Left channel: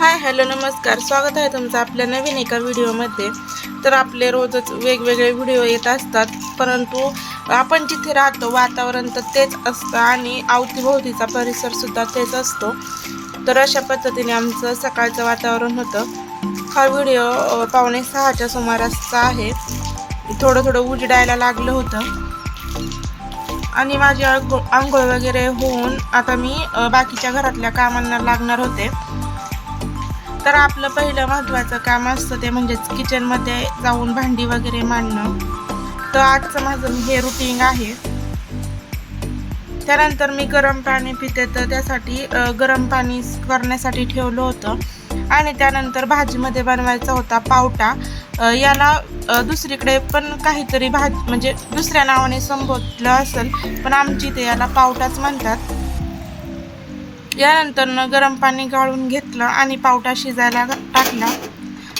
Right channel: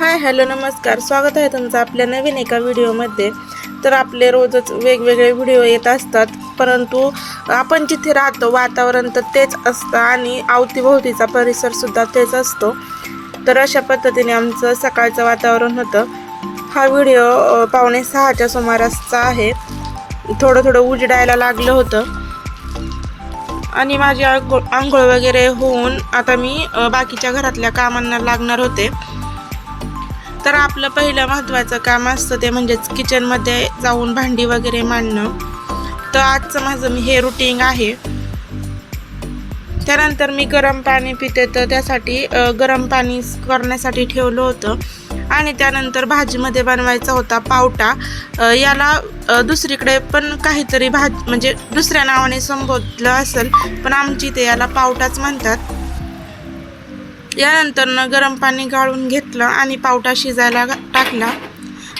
Hi hello नमस्कार. स्वागत आहे तुमचं आपल्या नवीन एका व्हिडिओमध्ये. तर आपले रोजच वेगवेगळे व्हिडिओ येत असतात परंतु आपण जिथे राहतो वातावरण तर तेच असतं आणि अवतीभोवतीचा परिसरसुद्धा तेच असतो. तर अशा पद्धतीने आमचं सकाळचं वातावरण होतं. हा व्हिडिओ पावणे सहाच्या सुमारासचा आहे. थोडं थोडं उजडायला लागलं होतं. आणि माझी आंघोळ आंघोळ वगैरे होऊन आता मी बाकीच्या घरातल्या कामांना लागणार होते. तर आपलं पहिलं महत्त्वाचं काम असतं ते म्हणजेच किचनमध्ये जाऊन भांडी वगैरे मांडणं. तर आजचं माझं हे रुटीन आहे. त्यानंतर मी गरम पाणी पिते तर त्यासाठी गरम पाणी करण्यासाठी ठेवलं होतं. आणि त्यानंतर भाजीमध्ये बनवायचा होता पावटा. याला दुसरीकडे पण काहीतरी भाज म्हणजे दुसऱ्या नावाने संबोधलं असेल पण आमची ते याला पावटाच म्हणतात. यानंतरनं गरम पाणी गाळून घेतलं आणि पावटा शिजायला टाकला.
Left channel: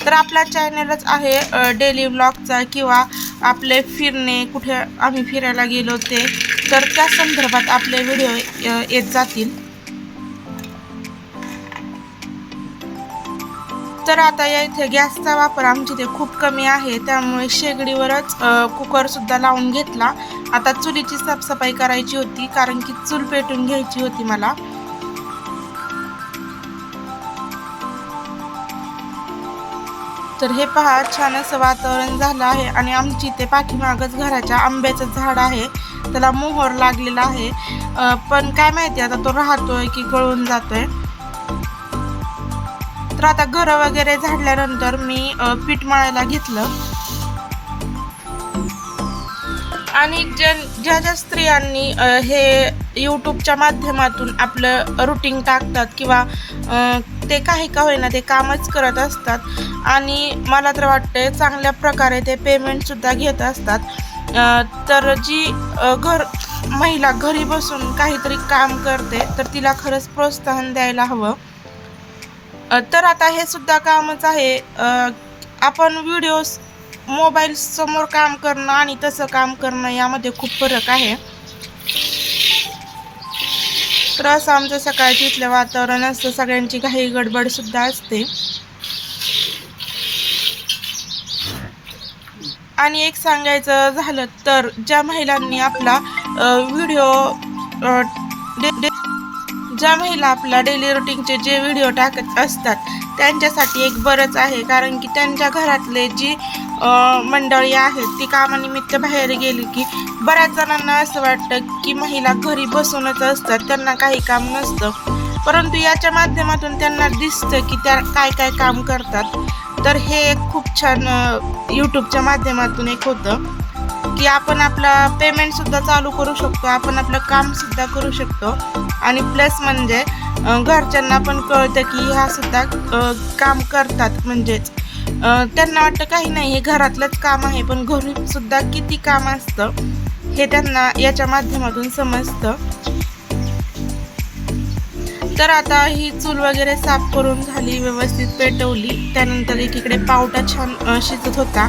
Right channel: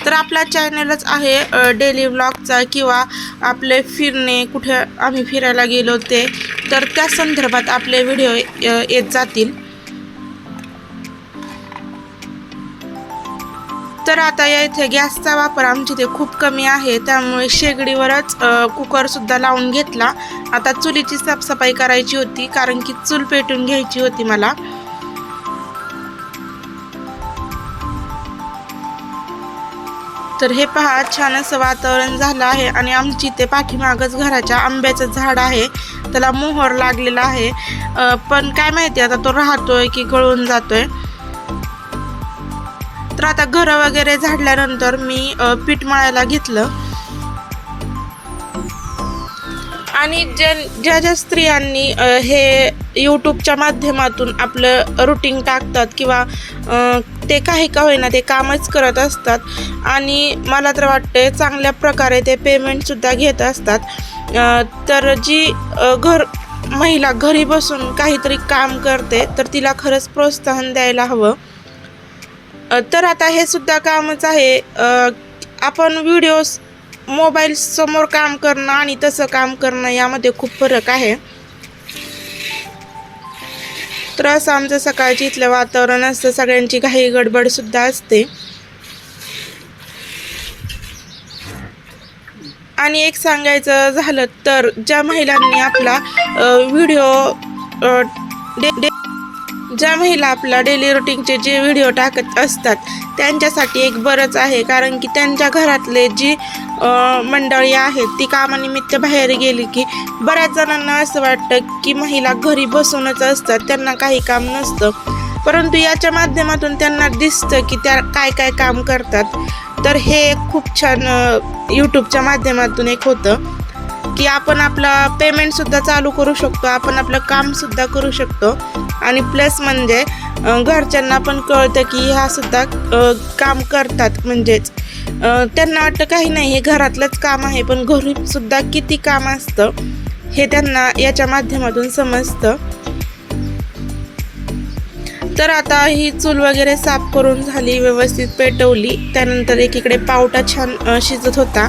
तर आपला चॅनलच आहे डेली व्लॉगचा किंवा आपले फिरणे कुठे आम्ही फिरायला गेलो ते. तर त्या संदर्भात आपले व्हिडिओ येत जातील. तर आता या इथे गॅसचा वापर आमच्या इथे खूप कमी आहे. त्यामुळे शेगडीवरच कुकरसुद्धा लावून घेतला. आता चुलीची साफसफाई करायची होती कारण की चूल पेटून घ्यायची होती मला. तर हे पहा छान असं वातावरण झालं आहे आणि आमची इथे पाठीमागच घराच्या आंब्याचं झाड आहे. त्याला मोहर लागलेला आहे. पण काय माहिती आता तो राहतोय की गळून जातोय. तर आता घरं वगैरे झाडल्यानंतर मी पीठ मळायला घेतलं. आणि ज्या ज्या ज्या स्त्रियांनी हे यूट्यूबच्या माध्यमातून आपलं रुटीन टाकतात किंवा ते काही का होईना ते कामच करत असतात. आणि मला तर वाटते चांगल्या प्रकारे ते पेमेंटसुद्धा घेत असतात. तर जी घर महिला घरी बसून काहीतरी काम करते तर तिला खरंच प्रोत्साहन द्यायला हवं. तर आता हे सुद्धा कामच आहे. आपण व्हिडिओज मोबाईल समोर काम करणं आणि तसं काम करणं यामध्ये खूप फरक आहे. त्रास असं आमचं सकाळची इथलं वातावरण असतं सगळ्यांची घाई गडबडसुद्धा असते. आणि एक सांगायचं झालं तर ज्या महिलांनी आपला व्हिडिओ ज्या महिला आपला डेली रुटीनचे जे व्हिडिओ टाकत असतात त्यांच्यासाठी एक बरंच आहे. कारण की त्यांच्या घरातले जी मंडळी आहेत ती कामानिमित्त बाहेर गेली की बऱ्याच जणांना असं वाटतं की महिला घरी बसूनच असतात त्यांना काही काम नसतं. परंतु याच्या माध्यमातून त्यांना दिसतं की त्या काय काय काम करतात. तर हे एक खूप छान यूट्यूबच्या माध्यमातून एक होतं की आपण आपला पेमेंटसुद्धा चालू करू शकतो आपण आपलं कामसुद्धा करू शकतो. आणि प्लस म्हणजे घरच्यांना पण कळतं की ह्यासुद्धा काम करतात म्हणजेच. त्यांना वाटलं काही नाही हे घरातलंच काम आहे पण घरी सुद्धा किती काम असतं हे त्यांना याच्या माध्यमातून समजतं. तर आता ही चूल वगैरे साफ करून झाली व्यवस्थित पेटवली त्यानंतर एकीकडे पावटा छान शिजत होता.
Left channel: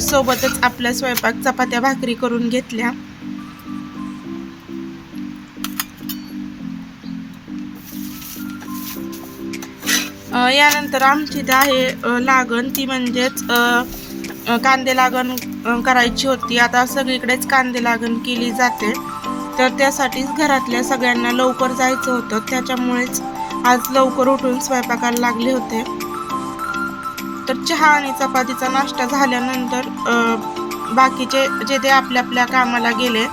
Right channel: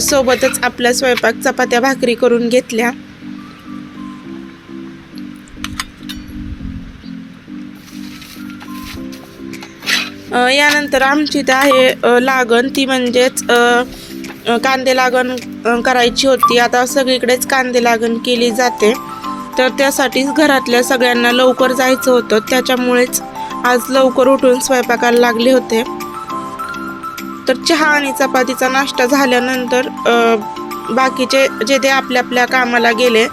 सोबतच आपला स्वयंपाक चपात्या भाकरी करून घेतल्या. यानंतर आमची इथं आहे लागण. ती म्हणजेच कांदे लागण करायची होती. आता सगळीकडेच कांदे लागण केली जाते. तर त्यासाठीच घरातल्या सगळ्यांना लवकर जायचं होतं. त्याच्यामुळेच आज लवकर उठून स्वयंपाकाला लागले होते. तर चहा आणि चपातीचा नाश्ता झाल्यानंतर बाकीचे जे ते आपल्या आपल्या कामाला गेले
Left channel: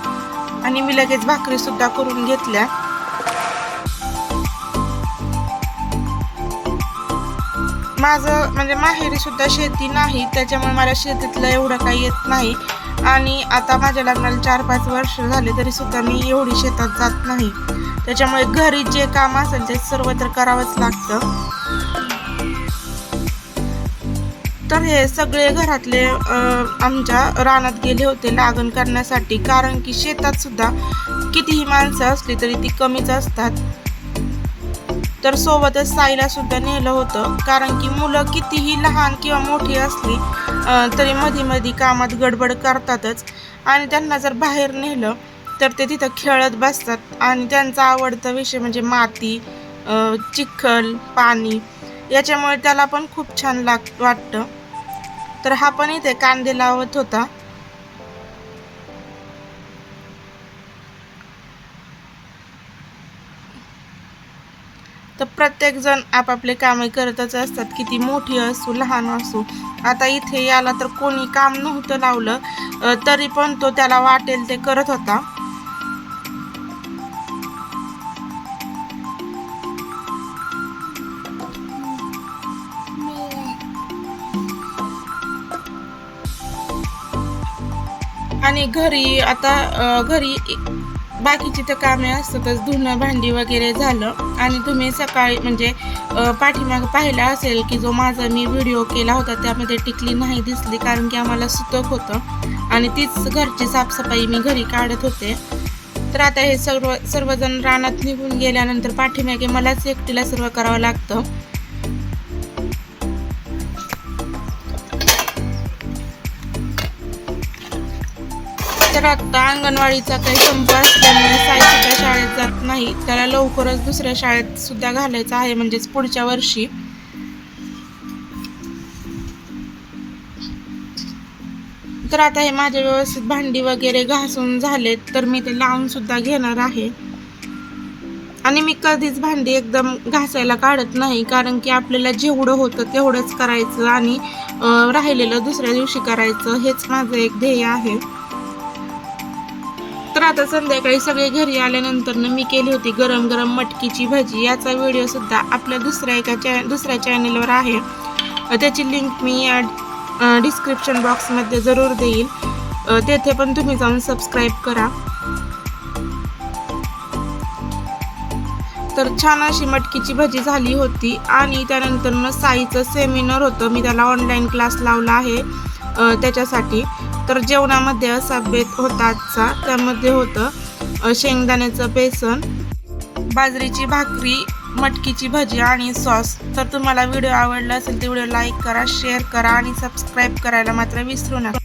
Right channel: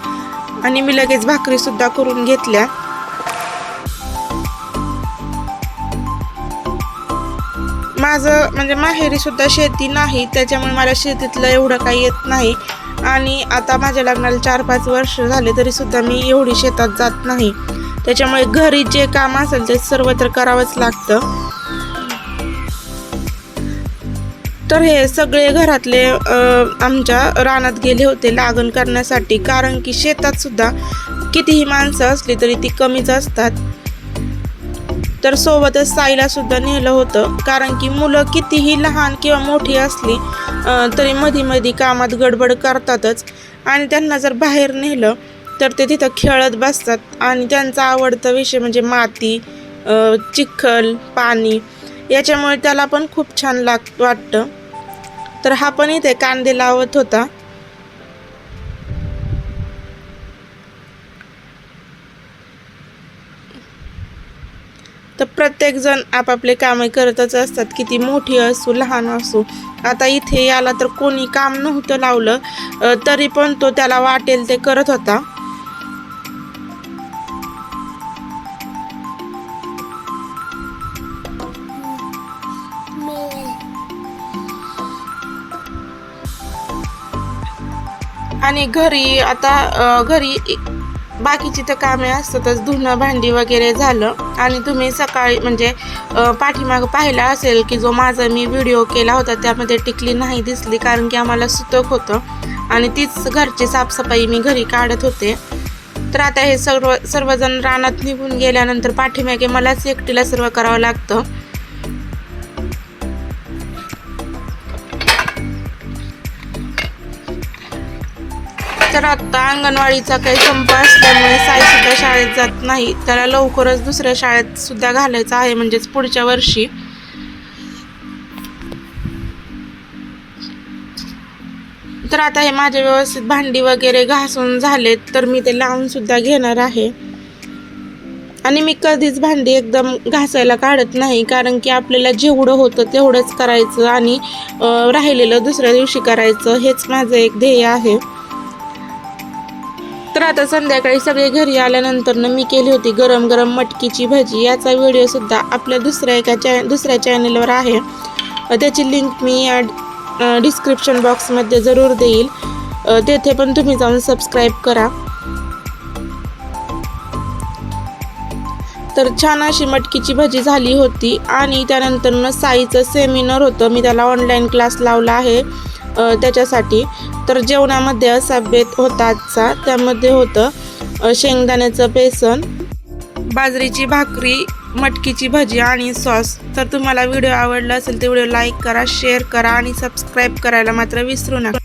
आणि मी लगेच भाकरीसुद्धा करून घेतल्या. माझं म्हणजे माहेरी सुद्धा शेती नाही त्याच्यामुळे मला शेतीतलं एवढं काही येत नाही. आणि आता माझ्या लग्नाला चार पाच वर्ष झाले तरी सुद्धा मी एवढी शेतात जात नाही. त्याच्यामुळे घरी जे काम असेल ते सर्वत्र करावंच लागतं. तर हे सगळे घरातले आमच्या रानात गेले होते लागण करण्यासाठी. कारण की शेतात सुद्धा कितीही माणसं असली तरी ती कमीच असतात. तर सोबतच साईला सुद्धा नेलं होतं. कारण की मुलं कितीही लहान किंवा मोठी असली तरी मधी मधी कामात गडबड करतातच. आणि त्यांना जर बाहेर नेलं तर ते तिथं खेळत बसतात. आणि त्यांचा आवडता विषय म्हणजे माती चिखल पाणी याच्यामुळे त्याला पण खूप छान लाग वाटतं. तर हा पण इथे कांदे लावत होता. तर प्रत्येकजण आपापले कामे करतच असतात. किती मोठी असो लहान असो. आता इथे याला तर कोणी काम नव्हतं लावलं तरी पण तो त्याला वाटेल ते करत होता. आणि घरी आता घरी बाकीची तर कामे असतातच. धुणं भांडी वगैरे झालं. आणि तुम्ही सकाळी म्हणजे पाठीमाग पाठीमागं पाहिला असेल की जो माझा मी व्हिडिओ केला होता त्यामध्ये टिकली नाही दिसली कारण की आम्हाला सुतक होतं. आणि तीच घरची साफसफाई मी घरी काढत होते. तर आता हे सर्व सर्वजण रानात निघून गेल्यानंतर पाठीमागे मलाच एकटीला सर्व करावं लागतं. तर आता अंगणवाडीचा काही संप असल्यामुळे साई सुद्धा शाळेत जात नाही. त्याला लवकरच दुसऱ्या शाळेत सुद्धा घालायचं आहे म्हणजेच पुढच्या वर्षी. तर आता हे माझे व्यवस्थित भांडी वगैरे घासून झालेत तर मी ते लावून सुद्धा घेणार आहे. आणि मी कधीच भांडी एकदम घासायला काढत नाही कारण की आपल्याला जेवढं होतं तेवढंच करायचं आणि राहिलेलं दुसऱ्या दिवशी करायचं हेच माझं एक ध्येय आहे. तर आता संध्याकाळी सगळे घरी आल्यानंतर ना मी केली होती गरम गरम मटकीची भजी. याचा व्हिडिओ सुद्धा आपल्या दुसऱ्या एका चॅ दुसऱ्या चॅनलवर आहे. त्याची लिंक मी या डिस्क्रिप्शन बॉक्समध्ये जरूर देईल. तेथे पण तुम्ही जाऊन सबस्क्राईब करा. तर छान अशी मटकीची भजी झाली होती आणि त्यानंतर ना साईचं सेमिनार होतं. मी त्याला ऑनलाईन क्लास लावला आहे त्याच्यासाठी. तर जेवणामध्ये असा बेत होता आजचा. त्यामध्ये होतं शेंगदाण्याचं बेसन बाजरीची भाकरी मटकीची भजी आणि सॉस. तर तुम्हाला व्हिडिओ आवडला असेल तर व्हिडिओ लाईक करा शेअर करा आणि सबस्क्राईब करायला मात्र विसरू नका.